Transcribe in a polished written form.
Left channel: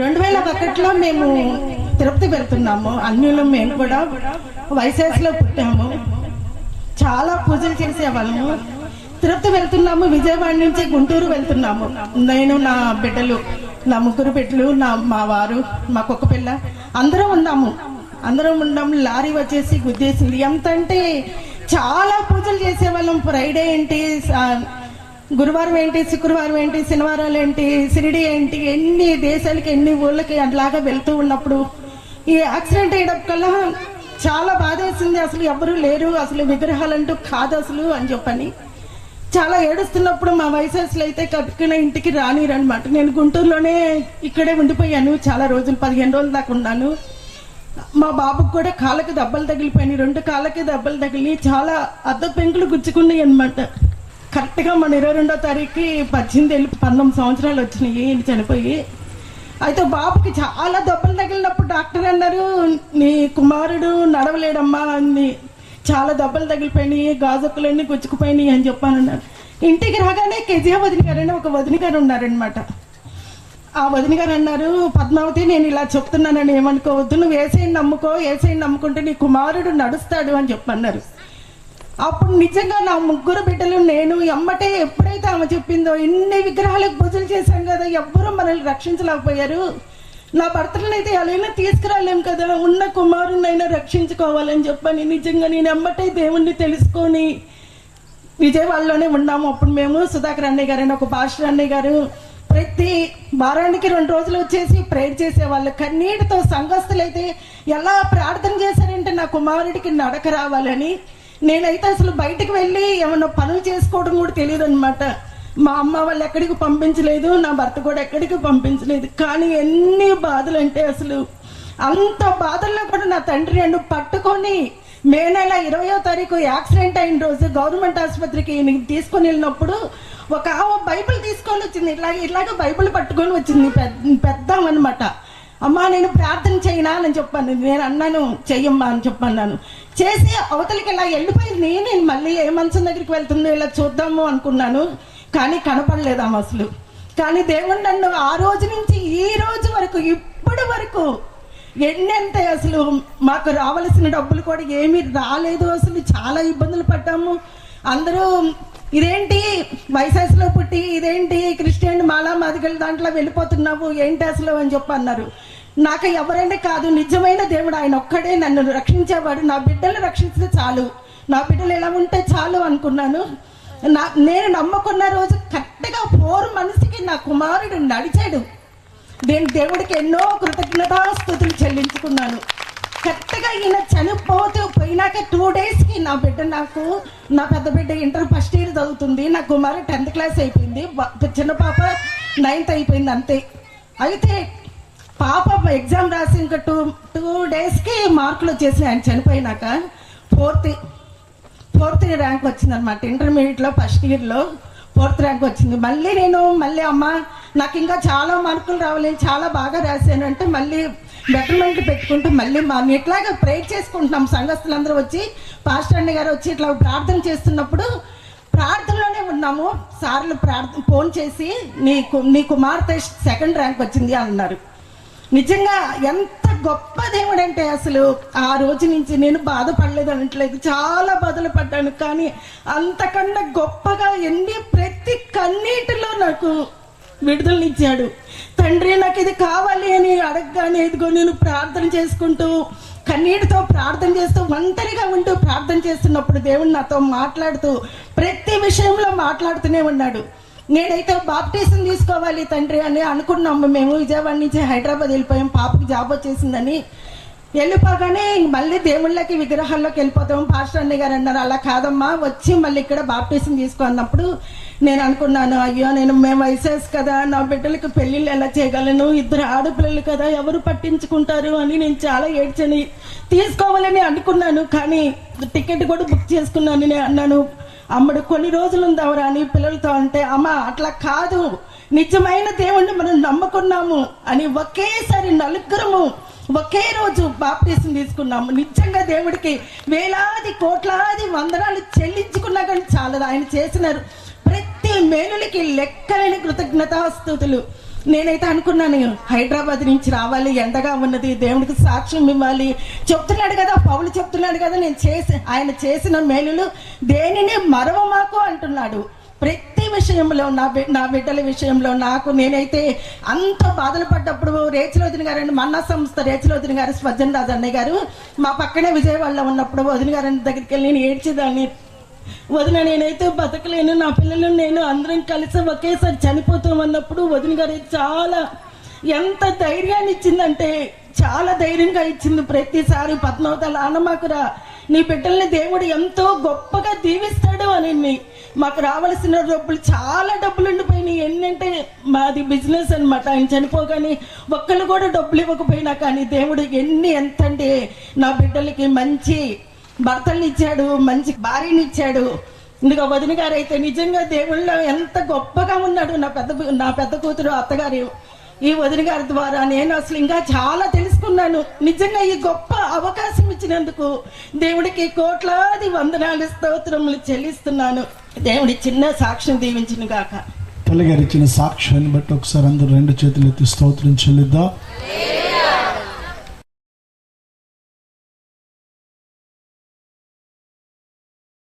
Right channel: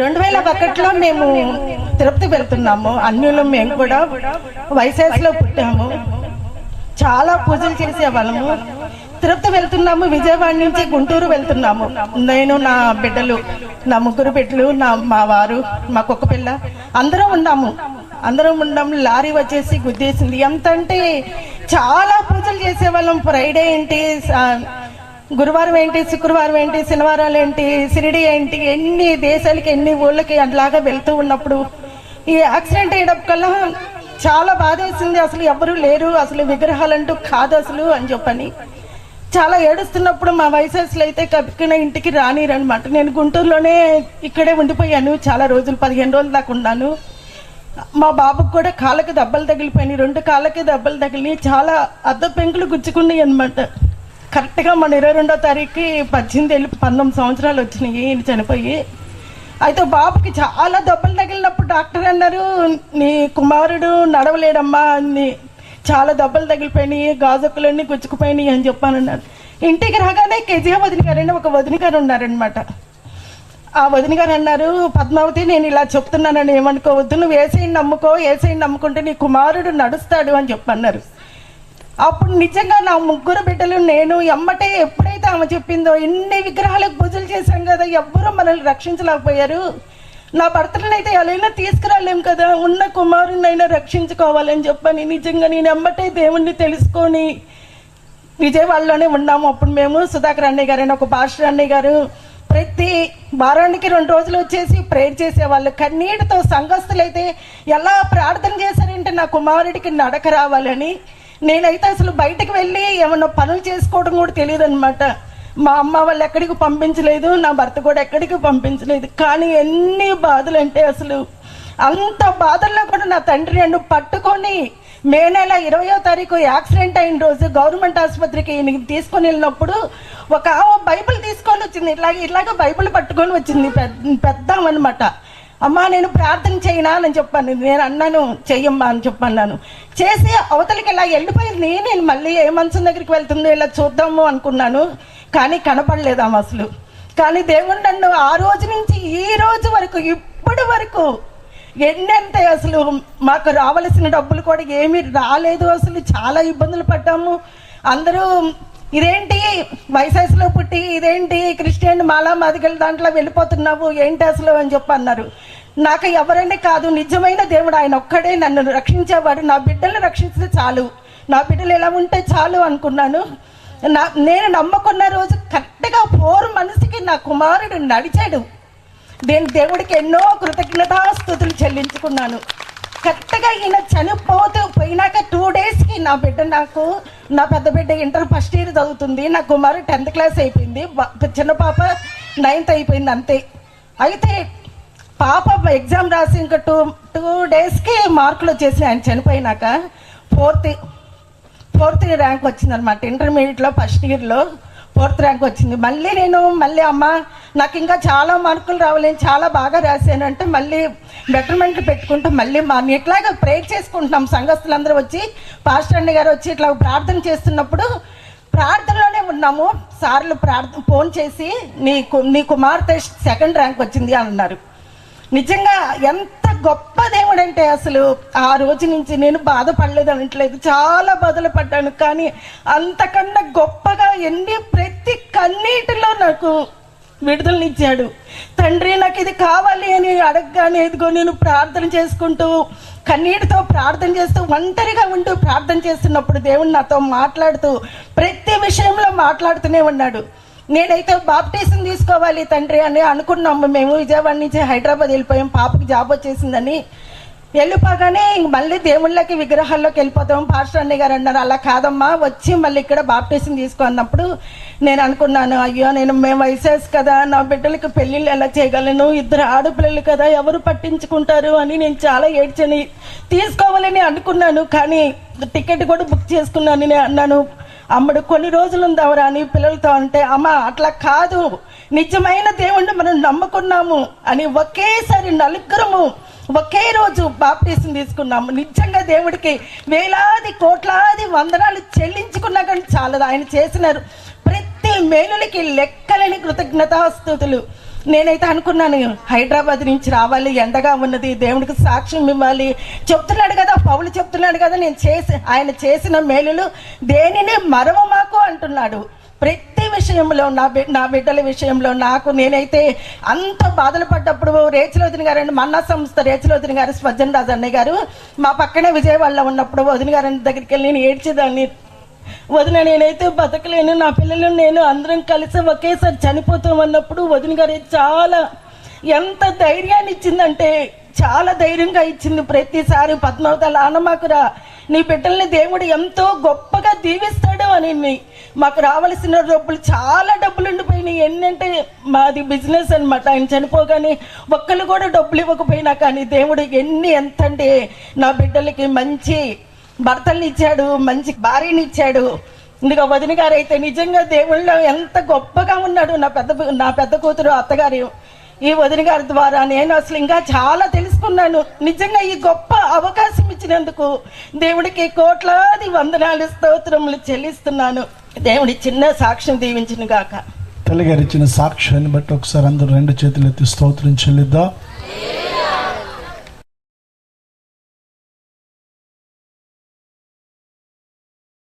2001లో మేము తిరుపతి వెళ్తున్నాము. అన్యులు మేము కూడా వైశాఖలో పుట్టాము. చాలా పూజలు చేసేవాళ్ళము. తిరుపతి వెళ్తున్నాము. విజయవాడ నుంచి గుంటూరు వెళ్తున్నాము. నేను, నా బిడ్డలు, నా 3 బిడ్డలు, మా వారు, మా కుక్క పిల్ల అందరం ఉన్నాము. లారీ వచ్చేసి గుద్దేసింది. ఎంత అంటే చాలా పూజలు చేసేవాళ్ళం. ఫ్రైడే ఏంటి, గురువారం ఏంటి, శుక్రవారం ఏంటి, శనివారాలు ఏంటి, షిరిడి ఏంటి, ఎన్ని దేశాలకి ఎన్ని ఊళ్ళకి అట్లాగా వెళ్తూ ఉన్నప్పుడు ఈ యాక్సిడెంట్ అయ్యేటప్పటికల్లా చాలా బాధ వేసింది. అసలు ఎవరు లేరు, అసలు విగ్రహాలంటూ కాదు అసలు అని చెప్పని చాలా ఏడుస్తున్నప్పుడు మా వయసులో అయితే కప్పిన ఇంటికి రానిరనమాట. నేను గుంటూరులోనే ఇక్కడే ఉండిపోయాను చాలా రోజులు, 15 రోజుల దాకా ఉన్నాను. మా బాబుకు కూడా కాళ్ళకి దెబ్బలు తగిలిపోయినాయి. 2 కాళ్ళకి దెబ్బలు తగిలి చాలా అద్ద పెంకులు గుచ్చుకున్నాయి అనమాట. కరెక్ట్గా మన 22వ తారీఖుకి 19 సంవత్సరాలు వచ్చినాయి ఈయన చనిపోయి. అయితే బాబుకి చాలా దెబ్బలు తగిలినప్పుడు డాక్టర్ అన్నారు, నీ కుమారుడు నడవలేడమ్మా, చాలా దెబ్బలు తగిలిపోయినాయి, గాజుకులన్నీ గుచ్చుకుపోయినాయి అని చెప్పానన్నారు. ఇంటికి రాగానే కేజీఆ వదిన గారని ఒక వదిన గారు ఉన్నారనమాట. ఆ వదిన గారు అన్నారు, పద్మావతి నేను ఇలా చెప్తున్నానని ఏమనుకోవద్దు, నువ్వు ఏసైని నమ్ముకో, ఏసైని నమ్ముకుంటే నీ కుమారుడు నడుస్తాడు అని చెప్పన్నారు. అప్పుడు నిజంగా నా 3 బిడ్డలు, నేను ఎమ్మటే ఎప్పుడైతే ఆమె చెప్పిందో, ఎన్ని విగ్రహాలకు పూజలు చేశాం కదా, ఎవ్వరూ మనల్ని రక్షించలేకపోయారు. నా భర్తలనైతే ఎలా తీసుకురాలేం కదా, ఉన్న కుమారునైనా రక్షించుకోవాలని చెప్పని నిజంగా నేను ఎమ్మటే దేవుణ్ణి తెలుసుకొని విజయవాడలోనే ఉన్నాము. అప్పుడు మేము సుధాకర్ అన్నయ్య గారు అని ఒక పాస్టర్ అన్నయ్య గారు ప్రతి వారానికి 2 రోజులు వచ్చేసి ప్రేయర్ చేసేవాళ్ళు. కన్నీటితో సంఘస్థులైతే ఎలా ప్రార్థన చేశారంటే నా కుమారుడికి నడక రావాలని. నేనైతే అసలు బయటకు వెళ్ళి ఏమన్నా పనులు చేసుకోవడం కూడా తెలియదు అనమాట. మా అమ్మ వాళ్ళు ఎక్కడికి పంపించలేదు, నా భర్త కూడా ఎక్కడికి పంపించలేదు. కానీ ఎన్ని బాధలు అంటే అసలు అంత బాధల్లో కూడా నా తండ్రి నన్ను పట్టుకొని మే నెల 20వ తారీఖు యాక్సిడెంట్ అయిన రోజు గవర్నమెంట్ ఆసుపత్రికి తీసుకొని వెళ్ళినప్పుడు ఒక బైబిల్ తీసుకొని వచ్చింది. ఇలాగ బైబిల్ పట్టుకొని వచ్చింది, పెద్దామన్నమాట. అమ్మా నేను ప్రార్థన చేయనా అని చెప్పాను. నేను అన్నాను చెయ్యమ్మా అని చెప్పన్నాను. చేసి అవతలికి ఇలా వెళ్ళిపోయింది. నేను మళ్ళీ ఏ మంచం దగ్గరికి వెళ్తుందో ఇలా చూద్దాము అనుకున్నాను, కానీ కనపడలేదాం అసలు. కానీ దేవుడు నన్ను ఆ రోజు నుంచి ఈ రోజు వరకు ఇప్పటి వరకు ఎన్నంతే అసలు మాకు రావలసిన డబ్బులు కూడా ఏమీ రాలేదు. అసలు చాలా ఇబ్బందులు పడ్డాము. అందరూ ఇదేంటి వైశాఖలో పుట్టి ఇదేంటి క్రిస్టియన్ మాలా మాదిగల దాంట్లో వెళ్ళిపోతున్నావు ఏంటి అసలు అని చెప్పి అన్నారు. నాకు ఎవరైనా కాదు, నిజమైన దేవుడు ఆయన ఒక్కడే నన్ను రక్షించేవాడు. నా బిడ్డలు రక్షించితే చాలు, నా బిడ్డలు ఎలా ఉంటే చాలు అనుకున్నాను. నేను నమ్మకున్న రోజు కరెక్ట్గా 4 మనసుకి నా కుమారుడు నడిచాడు. నేను దేవుడికి ఎన్నో కృతజ్ఞతాస్తుతులు చెల్లించుకున్నాను. కరెక్ట్గా ఈయన పోయినాక 2 డేస్కి నా బిడ్డ, నా పెద్ద బిడ్డ ఇంటర్ ఫస్ట్ ఇయర్ చదువుతుంది, నా కుమారు 10th క్లాస్ అయిపోయింది, చిన్న పాప 9th అయిపోయింది అంతే. అయితే పాప ఎగ్జామ్ రాసి ఇంకా 2 డేస్కి మార్కులు వచ్చేసి ఆయన చనిపోయినాక 4th ర్యాంక్ వచ్చిందనమాట. ఇంటర్మీడియట్లో ఫస్ట్ ఇయర్లో 4th ర్యాంక్ వచ్చింది. మళ్ళీ అమ్మ నాకు ఇంకా చాలా మార్కులు రావాలి, చాలా బాగా రాశాను అంటే మళ్ళీ బెటర్మెంట్ పెట్టుకుంటూ మళ్ళీ ఇట్లాగా ప్రేయర్ చేసుకుంటున్నాం. సంఘస్థులందరూ వచ్చి పాస్టర్ అన్న గారు వచ్చి ఇట్లా ప్రార్థన చేస్తున్నప్పుడు ప్రార్థనలోనే ఉన్నాము. సార్లు ఫోన్ చేసి నీ కుమార్తె 2nd ర్యాంక్ వచ్చింది అన్నారు. నిజంగా ఎంత గొప్ప దేవుడు అంటే అసలు ఆ రోజు నుంచి నేను బాధపడలేదు అనట్లేదు, చాలా బాధలు పడ్డాను. కానీ అంతకన్నా గొప్పగా ప్రతి కన్నీటిలో నాకు విడుదలనిచ్చాడు. తండ్రి నాకు ఇది కావాలి అని అడగగానే ఎదుగో నేను ప్రార్థన చేసుకుంటూ కన్నీటితో ప్రార్థన చేస్తూ ఒంటరిగా ఉంటూ ప్రార్థన చేస్తున్నప్పుడు దేవుడు నాతో మాట్లాడుతూ ప్రతి విషయంలో మాట్లాడుతూనే ఉన్నాడు. నేనైతే బాప్టిజం తీసుకోవాలి తండ్రి అని అనుకున్నాము. మేము విజయవాడ నుంచి హైదరాబాద్ వెళ్ళిపోయాం, పాపకి జాబ్ వచ్చేసిందని. వెళ్ళిపోగానే మళ్ళీ దేవుళ్ళకి విగ్రహాల్లోకి వెళ్ళిపోతాం. పాస్టర్ అన్నయ్య గారు అన్నారు, అలా కాదమ్మా, వచ్చి మళ్ళీ ఇక్కడ బాప్టిజం తీసుకో అన్నప్పుడు నేను అనుకున్నాను, అయ్యో మేము వయసేసి కదా, నా బిడ్డలకి పెళ్ళిళ్ళు ఎలా చేయగలను, 2 ఆడపిల్లలు కదా, ఎవరు పట్టించుకుంటారు అని నేను చాలా ఏడ్చని తీసుకోవాలని అనుకున్నాను. కానీ టికెట్ కూడా బుక్ చేసుకున్నాను. నేను అన్నాను, అమ్మడు కొన్ని రోజులు ఉందావరా అని పిల్లలతో అంటే, అమ్మ అట్లా కాదు, నిజమైన దేవుణ్ణి మనం నమ్ముకున్నాము అని ఒకేసారి 4 ఒకే రోజు బాప్టిజం తీసుకున్నాము. నిజంగా దేవుడికి వేలాది కోట్లాది వందనాలు చెల్లించుకున్నా కానీ చాలదు. ఆయన చేసిన ప్రతి మేలులకి లెక్కలేని కృతజ్ఞతాస్తుతులు. నేనైతే అనుకున్నాను హైదరాబాద్ నుంచి రావాలి, ఎండగా ఉన్నది, దేవుడికి సాక్ష్యం ఇవ్వాలి. చెప్తున్నాడు కదా, పౌలు చెప్తున్నాడు కదా, ఆయన చేసిన మేలులు దేనిని మరవమాకు అంటున్నాడు. ప్రతి విషయంలో నా బిడ్డల విషయంలో నేనైతే అంత బాధలు పడ్డప్పుడు రేచల వదిన గారు అండి, మన్నా సంస్థ రేచల వదిన గారు, స్వజన్ రాజు అన్నయ్య గారు మా పక్కనే విజయవాడలో ఉన్నప్పుడు వదిన గారి దగ్గరికి వెళ్ళి నేను ఏడ్చేదాన్ని. వదిన నేనైతే బతకలేను, నా పిల్లలు నేను అందరం కలిసి ఒకేసారి చనిపోతామన్నప్పుడు వదిన గారు చాలా ఎంత ధైర్యాన్ని ఇచ్చిందంటే చాలా ధైర్యంగా ఇచ్చింది. ప్రతిసారి పద్మావతాల ఆనమాకురా, నీ బిడ్డల్ని దేవుడు ఎంతో గొప్పగా దీవిస్తాడు అని. మాకు రావాల్సిన చాలా డబ్బులు ఉండిపోయినాయి. ఏంటంటే మాది బిజినెస్ అనమాట. ఆయన చనిపోగానే ఒక్కళ్ళు కూడా డబ్బులు ఇవ్వకపోయినా కానీ దేవుడు ఎంత అంటే నా బిడ్డలకి మంచి భర్తల్ని ఇచ్చాడు, మంచి భార్యని ఇచ్చాడు. ఇంకా వదిన గారు అయితే నిజంగా దేవుళ్ళో ఎంత గొప్పగా ఉన్నాడు. నా పెద్ద కూతురు అత్తగారు ఈ వదిన గారి ద్వారా నేను అసలు ఇంకా చాలా తెలుసుకున్నాను. నిజంగా ఈ గొప్ప అవకాశం ఇచ్చినందుకు దేవుడికి కోట్లాది వందనాలు స్తోత్రములు చెల్లిస్తున్నాను. దేవుడి చిన్న సాక్ష్యం దీవించిన గాక. తల్లిగారు ఇచ్చిన సాక్ష్యాన్ని బట్టి ఒకసారి అందరూ 2 చేతులు ఎత్తి స్తోత్రం చెల్లిద్దాం.